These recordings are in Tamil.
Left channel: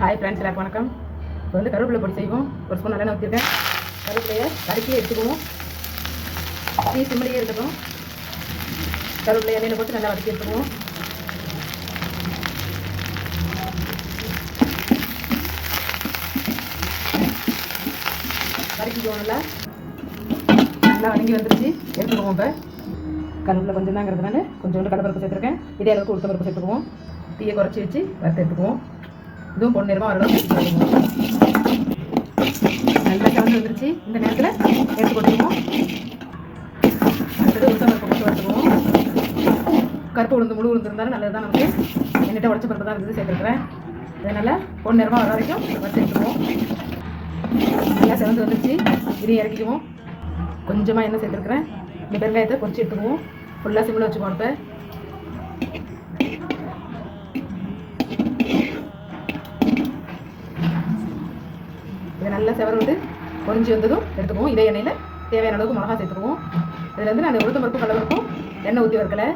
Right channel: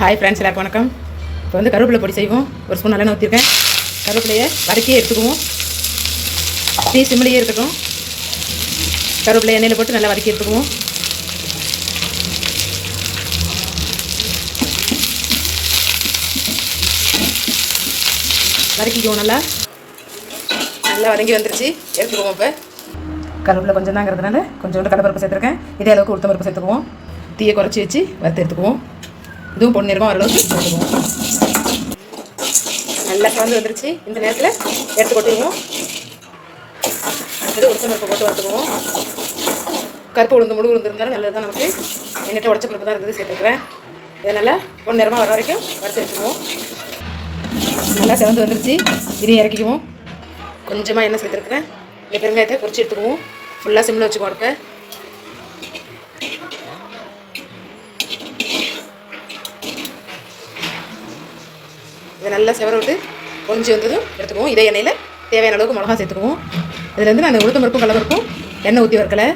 ஹாய் ஃப்ரெண்ட்ஸ், எல்லாருக்கும் வணக்கம். இப்போ வந்து கருவேப்பிலை பொடி செய்வோம். ஒரு ஸ்பூன் நல்லெண்ணெய் ஊற்றிருக்கேன். கருவேப்பிலையை வதக்கியே எடுத்துக்குவோம். டீ சிம்மிலேயே இருக்கட்டும். கருவேப்பிலை எண்ணெயில் போட்டு நல்லா வதக்கி எடுத்துக்குவோம். வதக்கிக்குவோம். நல்லா வதங்கி வந்துருச்சு, எடுத்துக்குவோம். இப்போ கருவேப்பிலை கொஞ்சம் தாங்கிறதுனால கொஞ்சோண்டு கடலைப்பருப்பு சேர்த்துருக்கேன். இதே அளவுக்கு உளுத்தம் பருப்பு சேர்த்துக்குவோம். தீயை குறைச்சி வச்சு வறுத்து எடுத்துக்குவோம். இதுவும் பொன்னிறமாக ஓரளவுக்கு போட்டுக்குவோம். நல்லா கலந்து வந்துருச்சு. இந்த நேரத்தில் எடுத்து கொட்டுவோம். அடுத்தது உளுத்தம் பருப்பு போட்டு வறுத்துக்குவோம். கருப்பு உளுந்து முழு உளுந்து இருந்தாலும் நல்லது தான். நமக்கு என்கிட்ட உடச்ச பருப்பு தான் இருக்குது, சேர்த்துருக்குறேன். இதை நல்லா பொன்னிறமாக வர வரைக்கும் வறுத்து எடுத்துக்குவோம். நல்லா சிவந்து வந்துருச்சு. இதையும் இறக்கிக்குவோம். கொஞ்சமாக எண்ணெய் சேர்த்துருக்குறேன். இந்த பெருங்காயத்தை பொரிச்சு எடுத்துக்குவோம். ஃபுல்லாக சிம்மில் வச்சுக்குவோம். இப்போ இதை நல்லா செவர விட்டு பொரிஞ்சு வந்ததும் எடுத்துக்குவோம். இதே எண்ணெயில் தேவையான அளவுக்கு மிளகா சேர்த்துக்குவோம். இதில் வந்து நான் உளுத்தம் பருப்பும் கடலைப்பருப்பும் எண்ணெய் ஊற்றி வரக்கலை.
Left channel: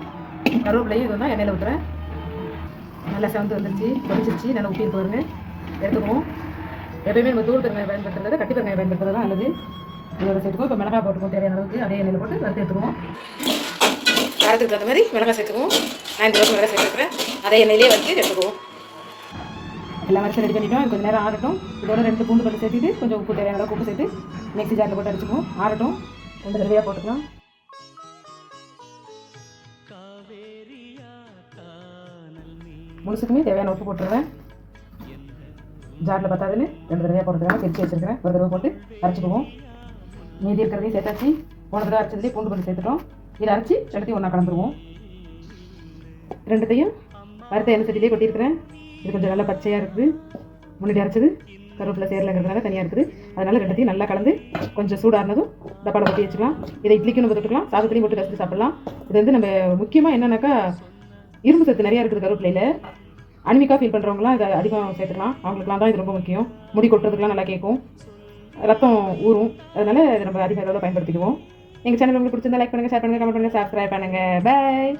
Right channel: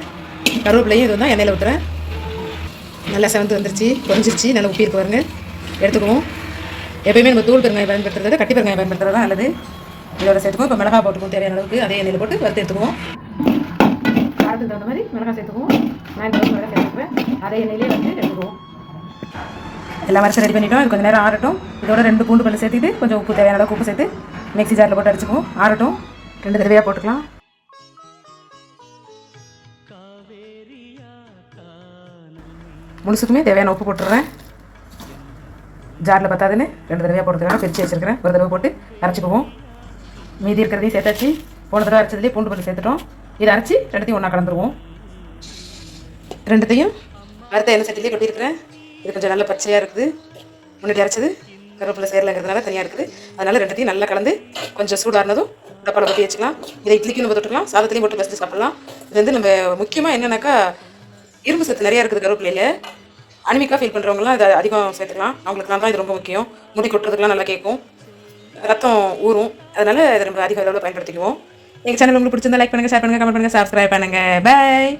கருவேப்பிலையும் இது தான் எண்ணெயில் ஊற்றுறேன். நல்லா செவந்து வந்துருச்சு, பொரிஞ்சிருச்சு. நல்லா உப்பி இருக்கு பாருங்க. எடுத்துக்குவோம். எப்பயுமே நம்ம தூள் பெருங்காயம் பயன்படுத்துறது, கட்டி பெருங்காயம் பயன்படுத்துறது தான் நல்லது. இதோட சேர்த்துக்குவோம். இப்போ மிளகா போட்டுக்குவோம். தேவையான அளவுக்கு அதே எண்ணெயில் போட்டு வறுத்து எடுத்துக்குவோம். காரத்துக்கு தகுந்த மாதிரி மிளகா சேர்த்துக்குவோம். நான் இந்த அளவுக்கு மிளகா சேர்த்துக்கிறேன். அதே எண்ணெயிலே வந்து எடுத்துக்குவோம். எல்லாம் வரிசை ரெடி பண்ணிட்டோம். கொஞ்சம் நேரம் ஆறட்டும். இதோட 2 பூண்டு பல்லு சேர்த்துட்டு கொஞ்சம் உப்பு, தேவையான அளவுக்கு உப்பு சேர்த்து மிக்ஸி ஜாரில் போட்டு அடிச்சுக்குவோம். ஆறட்டும். 2 தடவையாக போட்டுக்கலாம். முழுசுக்குமே தேவையான உப்பு போட்டுடுறேன். ஜாரில் பத்தாதுன்னு 2 தடவையாக போட்டுருக்காங்க. பிரித்து வச்சுருக்கிறேன். ஒரு தடவை போட்டு அரைச்சிக்குவோம். மீதி இருக்கிறதையும் சேர்த்தாச்சு. போன தடவை அரைச்சதுலேயே பூண்டு பல்லு சேர்த்துட்டோம். இதை அரைச்சி 2த்தையும் ஒன்றா கலந்துருவோம். 2த்தையும் வறுத்த எண்ணெய் சட்டிலேயே கொட்டியிருக்கிறேன். இது கொஞ்சம் நல்லா பச்சையாக இருக்குது. முன்னாடி அரைச்சது கருவேப்பிலை சேரலைங்கிறதுனால தனியாக இருக்குது. அதனால் 2த்தையும் நல்லா கலந்து கொஞ்சம் சூடானதும் டப்பாவில் கொட்டி வச்சுக்கலாம். இதை இட்லிக்கும் நம்ம தொட்டுக்கலாம், சாதத்துலையும் போட்டு வச்சு சாப்பிட்லாம். இது வந்து நம்ம முக்கியமாக என்னென்னாக்கா இரும்பு சத்து நிறையா இருக்குது கருவேப்பிலையில். அனிமிக்காக ஃபீல் பண்ணுறவங்களாம் இதை அதிகம் சேர்த்துக்கலாம். அவங்களுக்குலாம் தான் இது ரொம்ப முக்கியம். முடி கொட்டுறதுக்குலாம் நல்லா கேட்கும், ரத்தம் ஊறும். அதனால் இதை நம்ம அதிக அளவில் பயன்படுத்திக்குவோம். எங்கள் சேனல் உங்களுக்கு பிடிச்சிருந்தா லைக் பண்ணுங்கள், ஷேர் பண்ணுங்கள், கமெண்ட் பண்ணுங்கள், சப்ஸ்கிரைப் பண்ணுங்கள். பாய்.